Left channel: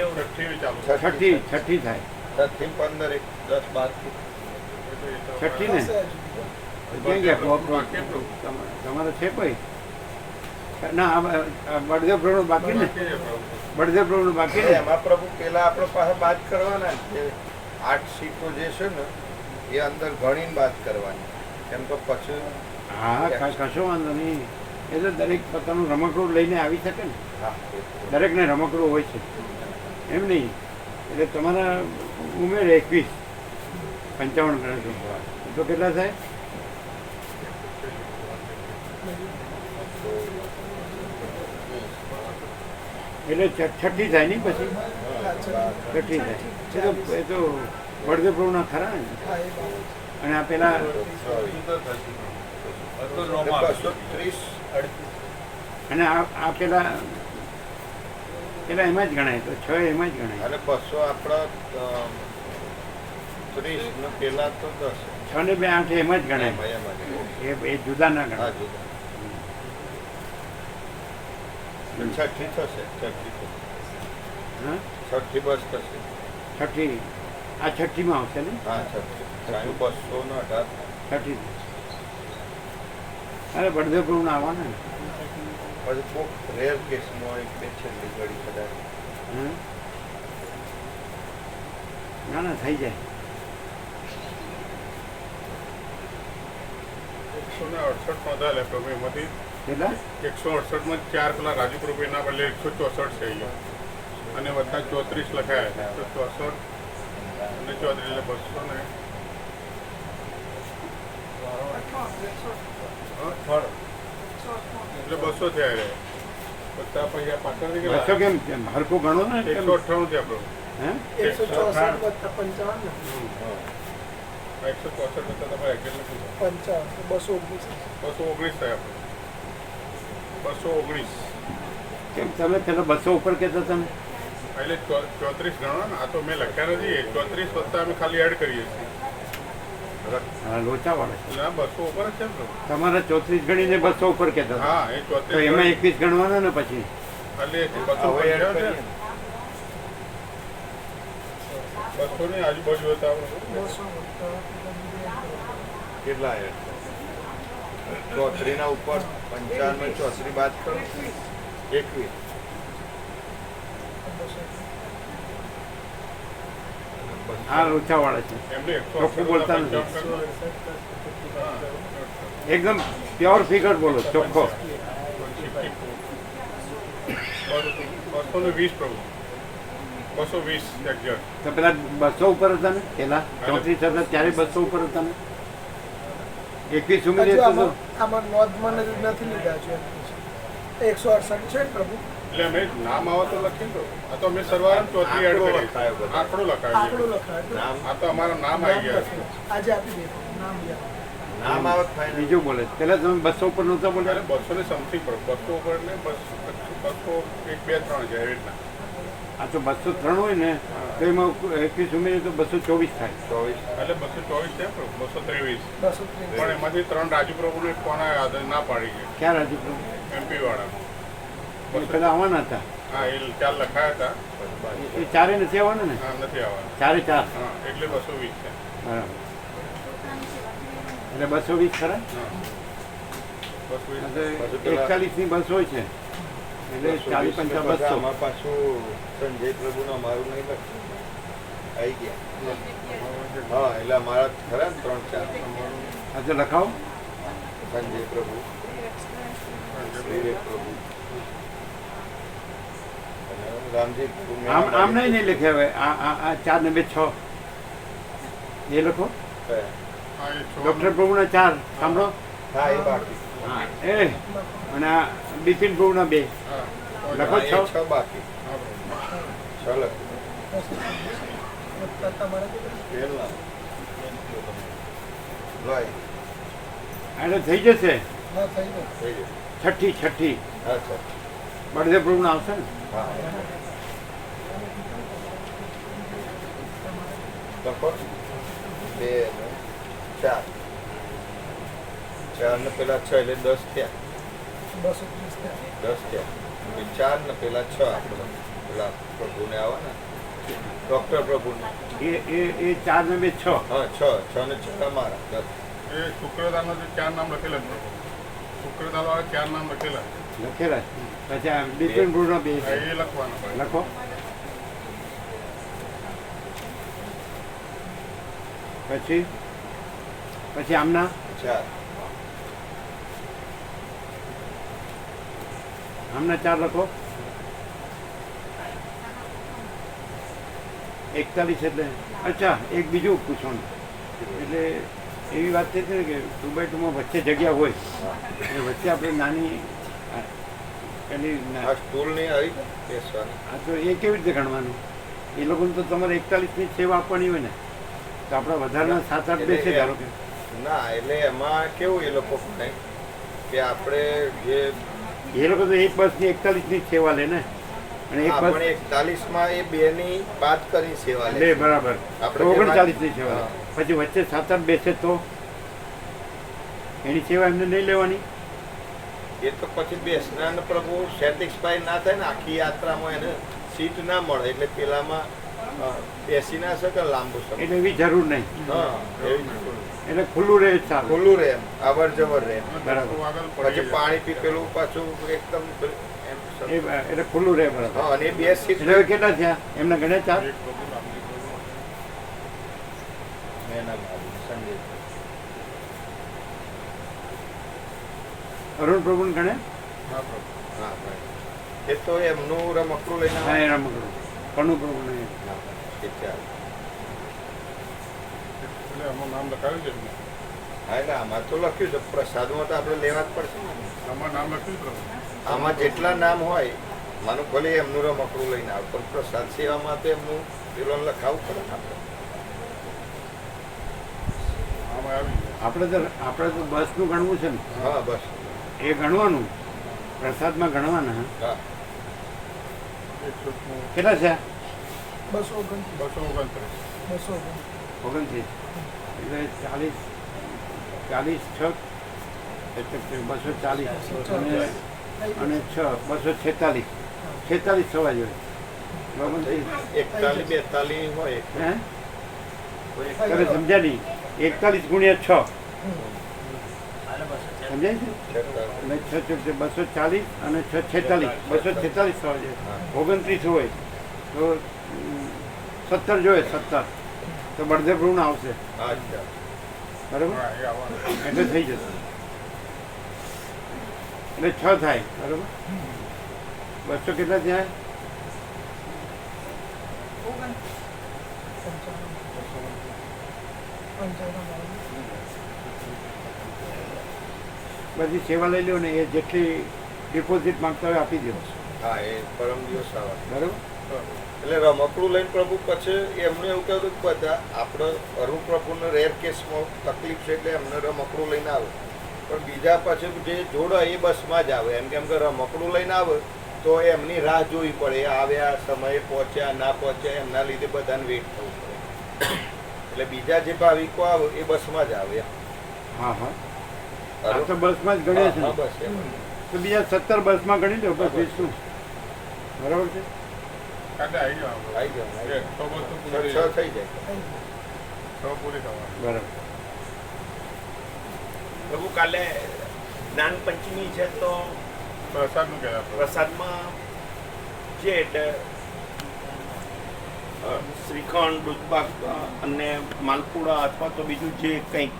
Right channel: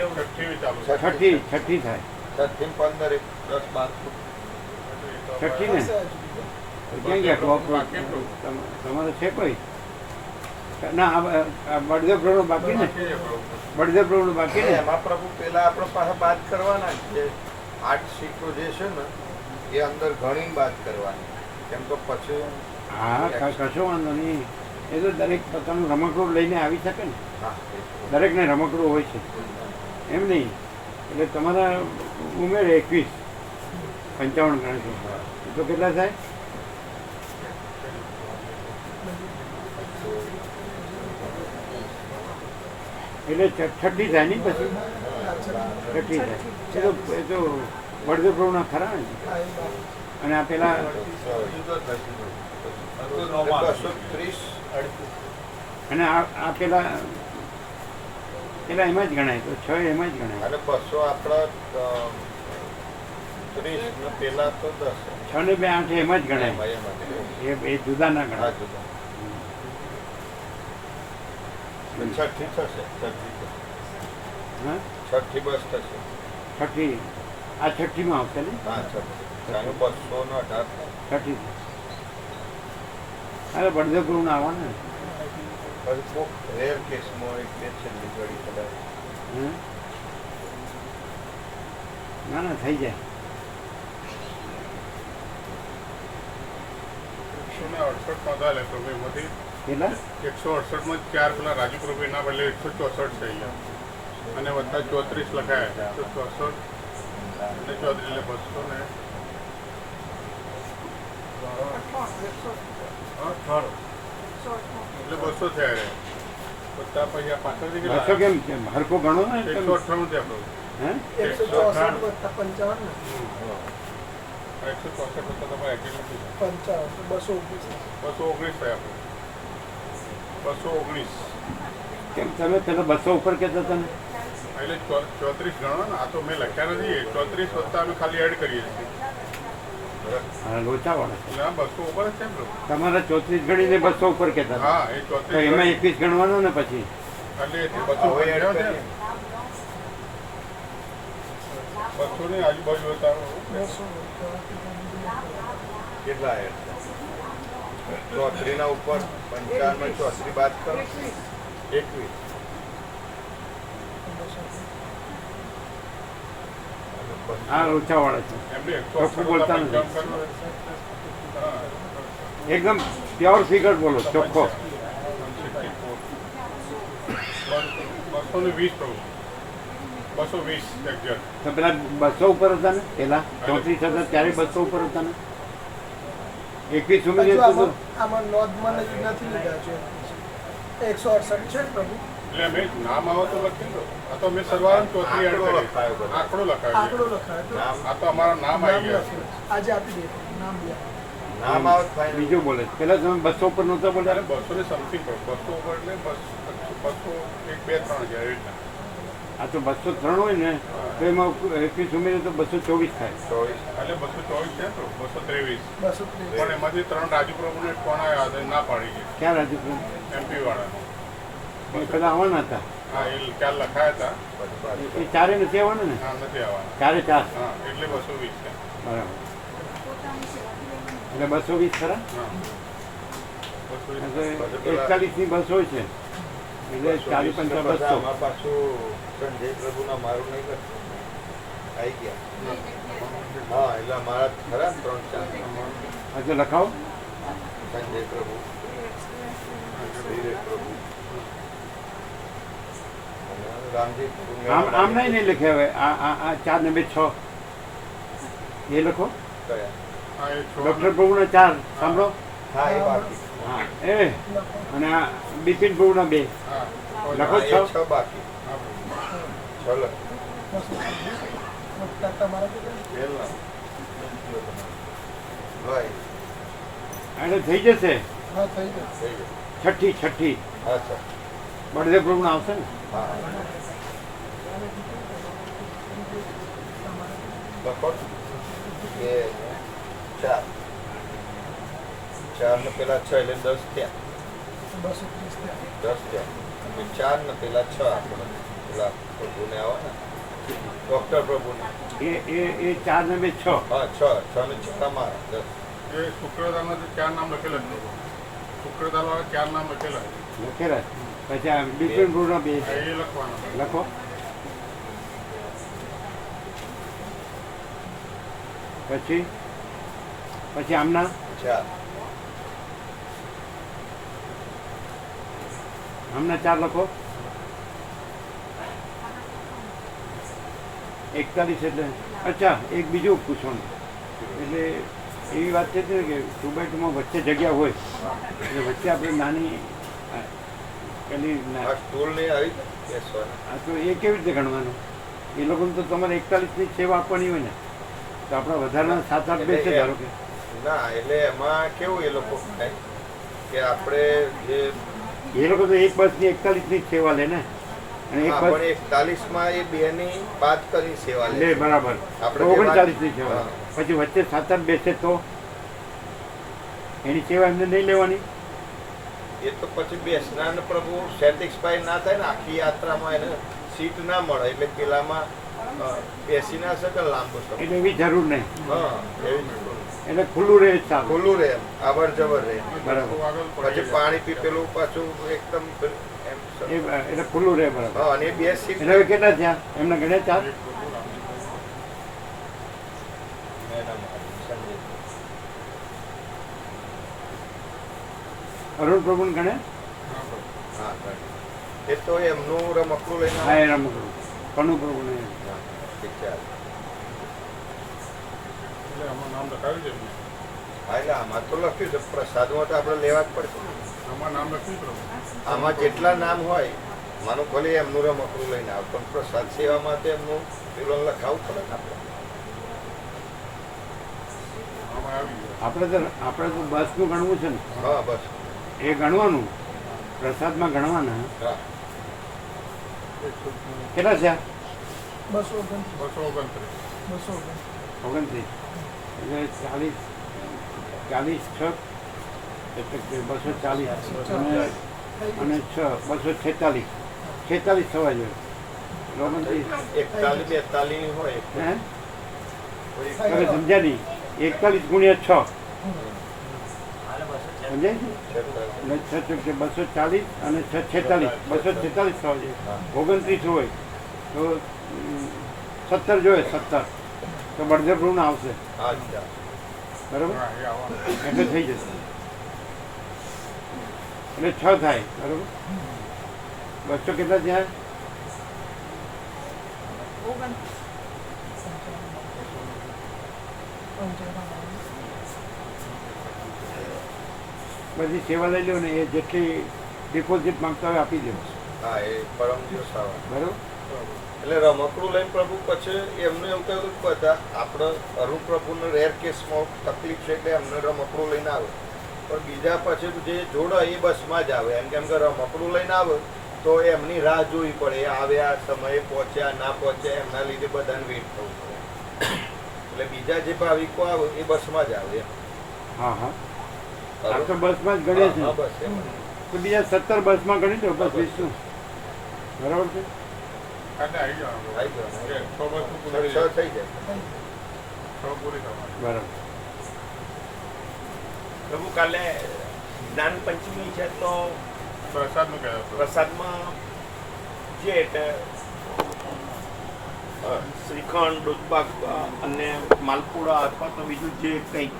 છઠ્ઠી છઠ્ઠી થાય. છઠ્ઠી પંદર એક દસ બાર છઠ્ઠી ને? ક્યાં ગયા ક્લોક તમારે છે કોઈ? ના બળદેવ પ્રભુ બાકી ને? બળદેવ પ્રભુ બાકી ને? એમાં પ્રભુ પેલા આપણે પાસે વાત કરવાના છે. આઠ સીટો જે છે ને એ અંદર ગણીને વાત કરવાની. કેમ કે પછી હા કશો વાંધો નહીં. એ તો દરેક પોતાનું રમકડું લઈને આવી શકે ને. દરેકને રમકડું હોય છે. એમ નહીં. એટલે તમારા ઉમેર એકવીસ. પંચાવન ગણતરી તો કેટલા થાય? એટલે છઠ્ઠી થાય નહીં પછી? છઠ્ઠી થાય. એ તો એ તો બળદેવ પ્રભુના ખરા ને. અને આ પેલા ત્રીસ અને આ આ પેલા પેલા એમાં જ ગણાય તો છ એમાં જ ગણાય. અને બસો આપણા ત્રીસ ને પેલા તો દસ. છ ને બે આઠ એમાં જ ગણાય. એ એ જુદા ના ગણાય. છઠ્ઠી થશે છઠ્ઠી બસ થશે. છઠ્ઠી. આ છઠ્ઠીમાં આવશે ને? હા છઠ્ઠી. બસો ને અઢાર. છઠ્ઠી. અરે બળદેવ પ્રભુ આવવાના પછી બહુ રેર કેસમાં એક બે છેલ્લી ઘડી કદાચ. હમ? ના ના થઈ જાય. એકસો ને અડસઠ નોંધાયેલા પ્રભુ એમાંથી કેટલા? એકસો અડસઠમાં ચાર પેલા રાજુ બદલે એકસો ચોસઠ છે અહીંયા. અને બધા ચોત્રીસ લખાયા છે એકસો ચોસઠ અને ચોત્રીસ એટલે બસો ને. આ પાછળથી બસો કેમ? કેમ? હરકો ગણો ને એકસો છે અઠ્ઠાણું પ્રભુ હે? એકસો ચોસઠ પંચાવન. એકસો ચોસઠ તમારે પંચાવન તો બસો ઓગણીસ. બસો ઓગણીસ થાય આપણું. બસો ઓગણીસ. કેમ? તમે પેલા બસો ઉપર કહેતા હતા ને? એટલે ચો- ચોત્રીસ ગણો ને આ તો મેં લખ્યા નથી. ચોત્રીસ વત્તા અમે ખાલી એડ કરીએ છીએ. લોચાવાળા છે. એટલે ઉપર છે ને પ્રભુ તમારા ચોત્રીસ ગણીને બસો ઉપર કહેતા હતા. હા એ તો ચોત્રીસ એમાં એકવીસ ગણવાના ને પછી? કેટલા ચોત્રી ના? ઉપર પંચાવનમાં ચોત્રી બાદ કરો. એકવીસ. આ લોચાવાળા છે. ચોખ્ખું બોલતા નથી. હા. એકદમ પ્યોર ફિગર બોલો ચોખ્ખો. વીસ બસો વીસ તો પેલા બસો ઉપર હતા ને? પેલા ચોત્રીસ હતા ત્યારે બસો ઉપર હતા ને? એકવીસ ઉમેરી હજુ તો આમાં આમાં નોંધ મને જ નથી લીધા એકસો અડસઠ છે પ્રભુ. એટલે અમે નામ આવો તો લખી દો. આ તો અમે સરવાળા ચોથી એડ આંકડો કરી લખાયો આંકડો નામ? આ તો અમારા નામ આવી ગયા આજે આપી દે. નામ નામ આવે બીજું બોલે. પેલા તમે બસો ઉપર નહોતા બોલે બોલ્યા બસો ને સમથિંગ પડો બસો ઉપર ને બસો એક બે ત્રણ છે એવી રીતના. આ તો બસો ત્રણ હોય ને તો એમાં એકવીસ ઉમેરે તો બસો ચોવીસ થાય. ચોવીસ. એટલે બસો ચોવીસ છે બસો ત્રેવીસ. બસો પણ એમાંથી ત્રણ રાજુ પ્રભુને કોણ આવ્યા ના પાડી ગયા. ક્યાં રાજુ એમપી વાળા. પેલા આવવાના હતા. હા એ ચાર લખાયા હતા. એ- ચારે નથી આવવાના ને? નથી આવવાના. ચારે ચાર. હા એટલે બસો વીસ છે. બરાબર. એટલે બસો વીસ ખરા. એકતાલીસની બસ હોય છે. એટલે ચાલીસ પંચા બસો. પાછું સંજય પ્રભુના મારું નહીં આવી ગયા. હા એટલે મારા ખરા ત્રણ ચાર. હા લખાવ લખાવો. સંજય પ્રભુ. પ્રભુ. આમ આમ નહીં નહીં લખ્યા હવે. આ આ આ ચાર ને બે છ. એ લખો. ડૉક્ટર પ્રભુના ચાર. સાંભળો. હા એ બાકી. હા એ. અને આ બિપિન પ્રભુના બે. લખો છ. એટલે થઈ જશે. હા થઈ ગયું થઈ ગયું. છઠ્ઠી છઠ્ઠી. અચ્છા. બળદેવ પ્રભુના આવશે ને? હા બે ચાર. ચાર ને પેલા છ એટલે દસ થયા. દસ થયા. ચાર ને પેલા છ આપણે. પેલા પ્રભુને આવવાના ડોક્ટર પ્રભુને. એ એ એ ચાર ને બે છ. હા છ. છ ને છ તમારા. દસ. એ શુક્રદામાં ચાર નામ લખેલા શુક્રદામાં ચાર નામ લખેલા છે લખેલા છે. પછી આ ડિપેન્ડ પ્રોગ્રામ બે હા, છે એ લખવાનું છે. લખો પછી પછી આમના ચાર આમના ચાર લખો એકતાલીસ એટલે અચ્છા એક બીજું પૂછવાનું. એટલે એવી વાત હતી ને કે ટુ બાય ટુમાં વચ્ચે જગ્યા હોય એટલે વચ્ચે આપણે નાની પેલી બેસવાના તો એ કેવી રીતે ગણવાનું? એ લોકોને તો તમારે એકતાલીસની સેવા આપવાની હોય ને. તો આપણે વધારાના સાત આઠ બેસે ધારો કે. ના એટલે એમાં કેવું એ લોકો કે આપણે જે એ લોકો તો એક બસની એકતાલીસની સેવા લે ને. અને એક બસ એકતાલીસમાં એ બેની બાદ કરી સેવા લે. બરાબર. આપણે ઓગણચાલીસની સેવા. પછી વચ્ચે સાત બેસે તો એની સેવા એમને નહીં લેવાની? એ તો પછી બેસનાર પ્રભુ સેટિસ્ફાઈ ના થાય ને આખી યાત્રામાં એને સીટ ના મળે એટલે પેલામાં બેસી ના શકે લાંબો સમય. એટલે એવી જરૂર નહીં. હા એવી એટલે ખુલ્લું રહે જ ખુલ્લું રહે અવર જવર રહે બરાબર. પછી પાણી પી પેલું પાછું એકદમ એટલે ખુલ્લું રહે બરાબર. અને બે સીટ એટલે કેટલા થયા? એમના ગણ્યા ચાર એક બીજું નામ. સંજય અરુણ પ્રભુ ગણે. એ તો એમનું રમકડું લઈને હા એ રમકડું કણુ પ્રભુને હા, એ ચાલે. એટલે આમાં નામ લખાવ્યું છે હા એટલે આમાં તો લખ્યું છે પ્રસાદમાં તો આપણે લેવા જ પડશે ને. આમાં નામ લખ્યું પ્રભુ. આમાં જેટલા નામ હોય માનો ભલે એમનું રમકડું લઈને આવતો પ્રસાદ સેવામાં તો એમનું પેલો લખાવું પડે ને આપણે. આપણે તો આપણે તો બસનું ગણવું છે ને. એ ગણવાનું. પ્રસાદમાં ગણવાના. કેટલા છે? બસો ઓગણત્રીસ. એટલે ચાલીસ ચાલીસ છ. એટલે બસો ચાલીસ. અને અને છ બસો છેતાલીસ. છેતાલીસ થવા જોઈએ. ઓગણત્રીસ. એકતાલીસ બેતાલીસ હોય. તમે સમજ્યા નહીં? એકતાલીસ ગુણ્યા છ. સમજાય છે? છ ચોક છે, બસો ચાલીસ અને છ છેતાલીસ. બસો છેતાલીસ થવા જોઈએ ઓગણત્રીસ હોય. તો સત્તર જોઈએ, સત્તર. તો બળદેવ ઋણ આવશે. બરાબર. એટલે થઈ જશે. એટલે છ થાય. બરાબર? બસો કેટલા થાય? બધી સેવા લઈ લો ને એ જેટલી ડિપોઝિટ માંગતા હોય આપી દેવું હા એ પરમ દિવસ આવે. બરાબર? એટલે રમકડું લઈને પ્રભુ પછી એમને એવું કહ્યું કે બધા આપણે અરુણ પ્રભુને રેર કેસમાં તકલીફ છે એટલે એમને રમકડું લઈને આવે. પણ બીજા પછી જે જોડે એ બસમાં જ આવે. એમ કેમ કે રમકડું લઈને આવે તો એમની રાહ જોવી પડે. આવ્યા સમયે પહોંચ્યા ના પહોંચ્યા એમના લીધે બધાને વેઇટ થવું પડે. એટલે બીજા જે ભાવિકો આવે એ બસમાં જ આવે હા હા. આ તો બસમાં જ હા, છે. તો બીજા સત્તર બસમાં ગણી લો બસ વીસનું બરાબર છે. બરાબર. પ્રભુ કાલે જ્ઞાન પંચમી છે તો પ્રસાદમાં કહેવાય પ્રસાદમાં જે એટલે શ્રીખંડ દૂધપાક અને માલપુડા અથવા તો બીજું જે કંઈક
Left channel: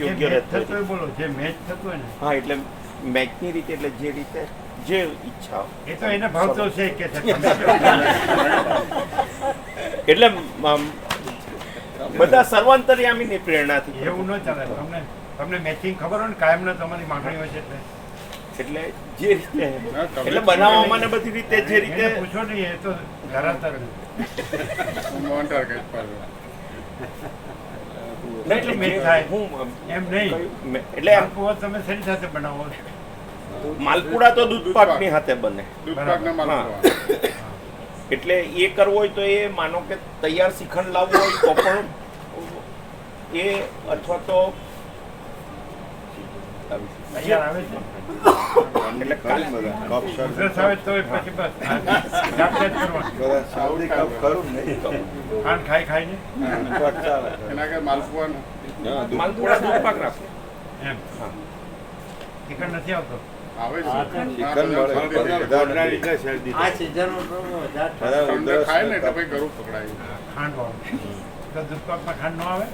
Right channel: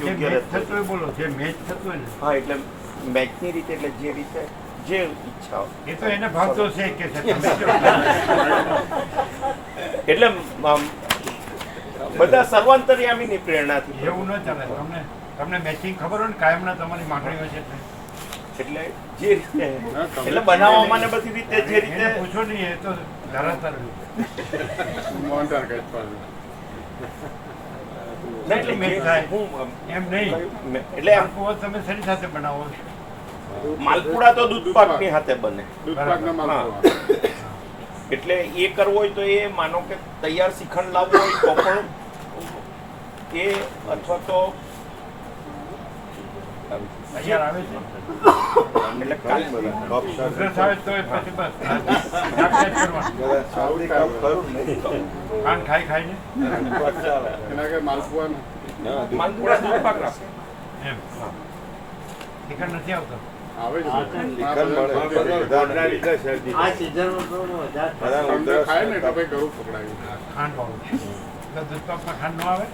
યોગ્ય થતું હોય બોલો જે મેચ થતું હોય ને. હા એટલે મેચની રીતે એટલે જે રીતે જે ઈચ્છા. એ તો એને ભાવતો છે કે એટલે બધા સર્વાંતરિયામીની પ્રેરણાથી એવું ન ચાલે તમને તમને મેચિંગ ખબર હોય ને કાયમના તમારી માંગણી હોય છે એટલે. એટલે જે રીતે એટલે બનાવવામાં ને બધી રીતે જે રીતે પૂછો નહીં એ તો ધરાતર મોન્ટર કે માલપુડા તો દૂધપાક એટલે મેચ જે- થાય. હું આમ, એમ નહીં. મે- એટલે આમ માલપુઆ તમે શેની સાથે માલપુડા તો દૂધપાકની હાથે બને. હા. એટલે એ કરવો હોય તો એ માનો કે તૈયાર શિખંડ લાવવું હોય તો પણ એ અથવા તો તૈયાર આવે છે. એટલે કાલ બધા આવે તો પછી બસ. જાગજાત કરવાનું. બધા સાઉદી કપ ખરું ને ખાંડ ખાઈ ખાઈને એના કે દૂધ પાક રાખો. એમ. નથી આવતો? ખાંડ વાળું તો દૂધ પાકમાં ખાંડ ન આવે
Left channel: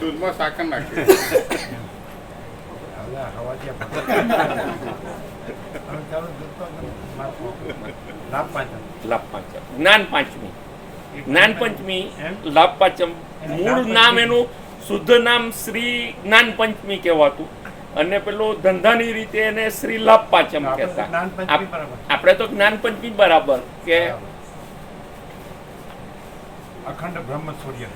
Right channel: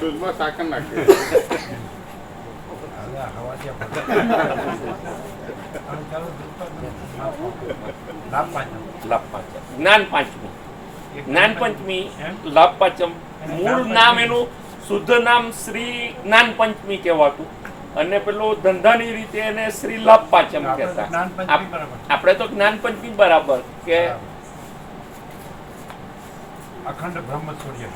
દૂધમાં. સાકર નાખે પાચમ લાભ પાંચમ જ્ઞાન પાંચમી જ્ઞાન પંચમી એમ? લાભ પાંચમ મૂળ નામ એનું શુદ્ધ નામ શ્રી જ્ઞાન પંચમી કહેવાતું. અને પેલો ધંધાની રીતે એને શ્રી લાભ પાંચમ કહેતા. આપણે તો જ્ઞાન પંચમી બરાબર કે અખંડ બ્રહ્મ સૂર્ય.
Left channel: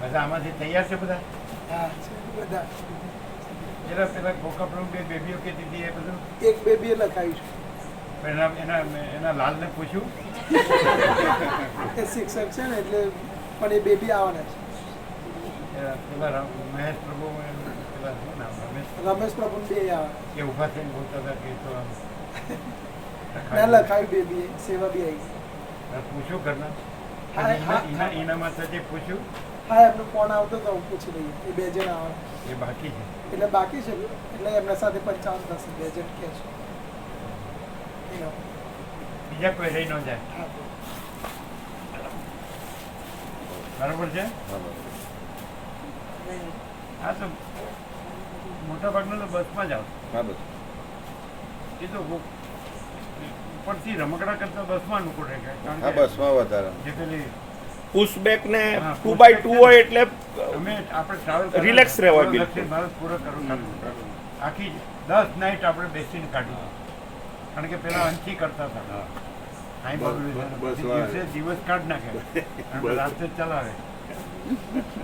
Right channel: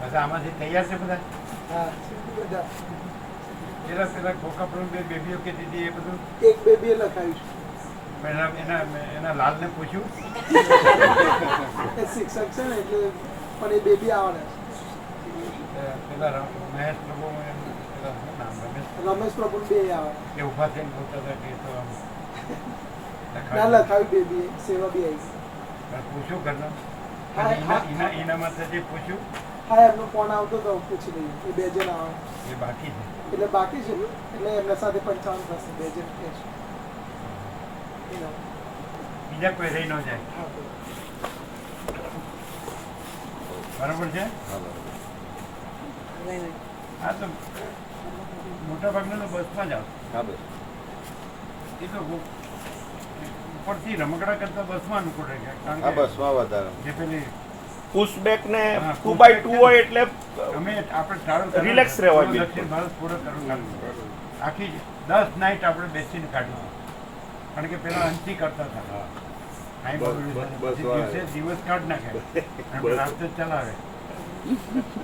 બધા આમાંથી તૈયાર છે બધા? હા બધા. પેલા પેલા ખોખા પ્રભુ બે બેબીઓ કે દીધી એ બધું? એક બેબીએ લખાયું પહેલા એના એના લાલને પૂછ્યું? છે શિક્ષક છે ને એટલે પણ એ બેબી આવવાના એ પેલા મહેશ પ્રભુ પેલા શું નામ? રમેશ છે રમેશ પ્રભુ બે આવે. એ ઊભા થઈને બોલતા હતા કે તો આમ ના લખાવી બેબી સેવા બી આવી. પૂછ્યું ઘરના? એના હા. એના એના માથે જે પૂછ્યું હા એમનો ફોન આવતો તો પૂછી લઈએ એ બે જણ આવવાના એ બાકી છે. એટલે બાકી છે એટલે એમના સાથે પંચાવન થશે બે જણ કે છે બીજા કોઈ રહી ન જાય. બરાબર છે? હા તો મોટા ભાગના તો બસમાં જ બસ. એ તો ઉપરથી રમકડા કરતા બસમાં અનુકૂળ રહે કારણ કે બસમાં વધારે. જે પેલી પુશબેક ને હા, ટુ બાય ટુ હોય એટલે અમે આપણે ટ્રાવેલ ને, રહેવાય બિલકુલ. દક્ષિણ ભારત પૂરો કરવું આખી દસ નાઇટ આપણે બેસીને કાઢી કારણ કે પેલા અંચી કરતા હતા. દિવસે દિવસ કાઢ નાખે. અને રાતે ચલાવે.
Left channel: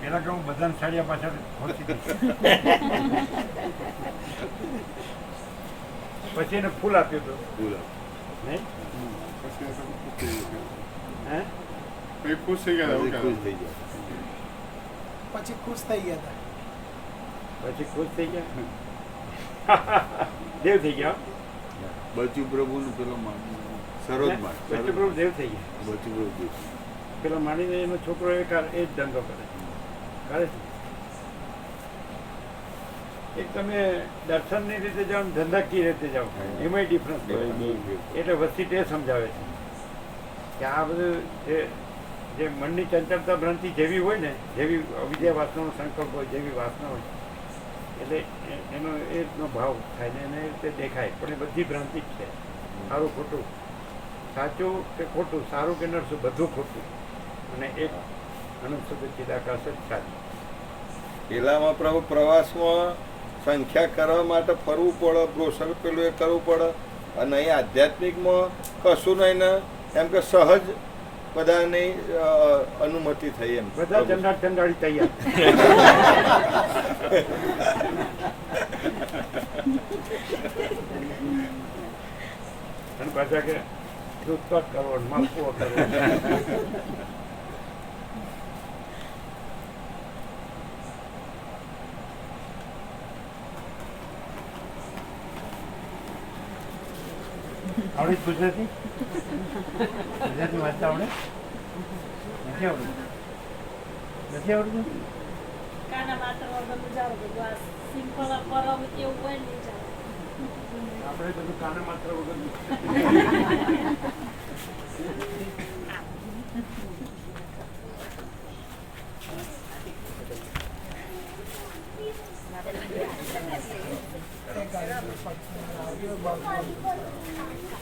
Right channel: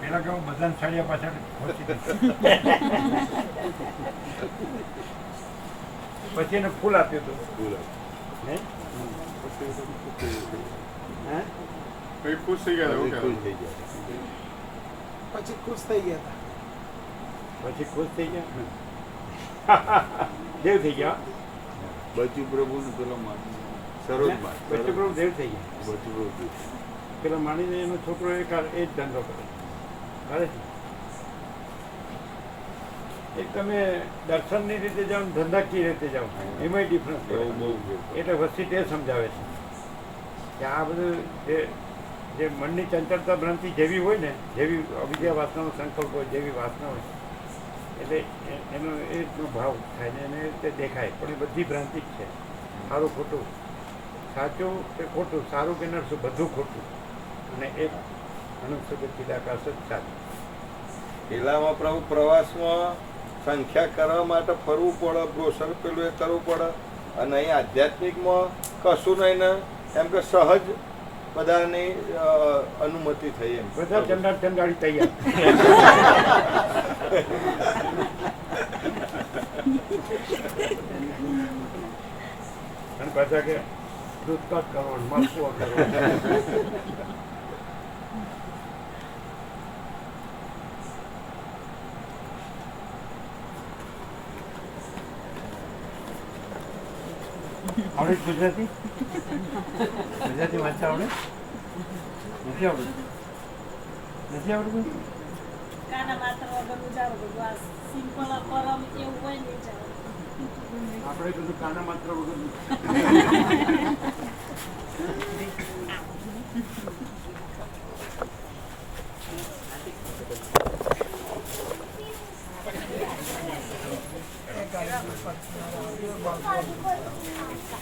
પેલા કે હું બધાને સાડિયા પાછળ ખોચી પછી એને ફૂલ આપ્યું હતું. હે ખુશ થઈ ગયા ખુશ થઈ ગયા પછી ખુશ થઈ ગયા પછી ખુશ થઈ ગયા દેવ થઈ ગયા બચુ પ્રભુનું પેલો સરોજમાં બચ્ચો પ્રભુ દેવ થઈ ગયા બચુ પ્રભુ પેલા માણીને એનો છોકરો એ એ જ ધંધો કરે છે કરે છે એક તમે દર્શનની રીતે જાઓ ધંધાકીય રીતે જાઓ એમાંય ડિફરન્સ એટલે વસ્તી તે સમજાવે છે. કે આ બધું જે જે મનની ચંચળતા ભ્રાંતિ જેવી હોય ને જેવી અવિદ્યા વાસનાનો સંકલ્પ હોય જેવી વાસના હોય એટલે એ- એનો એ રીતનો ભાવ થાય ને એને એ રીતે દેખાય. પણ એ બધી ભ્રાંતિ જ છે. સારું ખોટું. સાચું કે ખોટું? સારું કે નરસું? બધું ખોટું. અને એક અનંત શુદ્ધ ચિદાકાશ જ સાચું. પેલામાં પ્રભુ પ્રવાસમાં સંખ્યા કરવા માટે ફરવું પડે બ્રોશર પેલું એ કરવું પડે. અને અહીં આધ્યાત્મિકમાં કશું નહીં ને એમ કે સહજ બધાની અનુમતિ થઈ એમ. બધા ચંડાળ ચંડાળી તૈયાર. અને પાછા કે દૂધ પાક કરવો ને આવડે ગુજરાતી? ગુજરાતી વાંચતા આવડે? નથી આવડતું? નથી આવડતું? આપણે બધું કાના માત્ર વગર બાજુ બનાવેલા ને આવો, અહીં આવ્યું. નથી.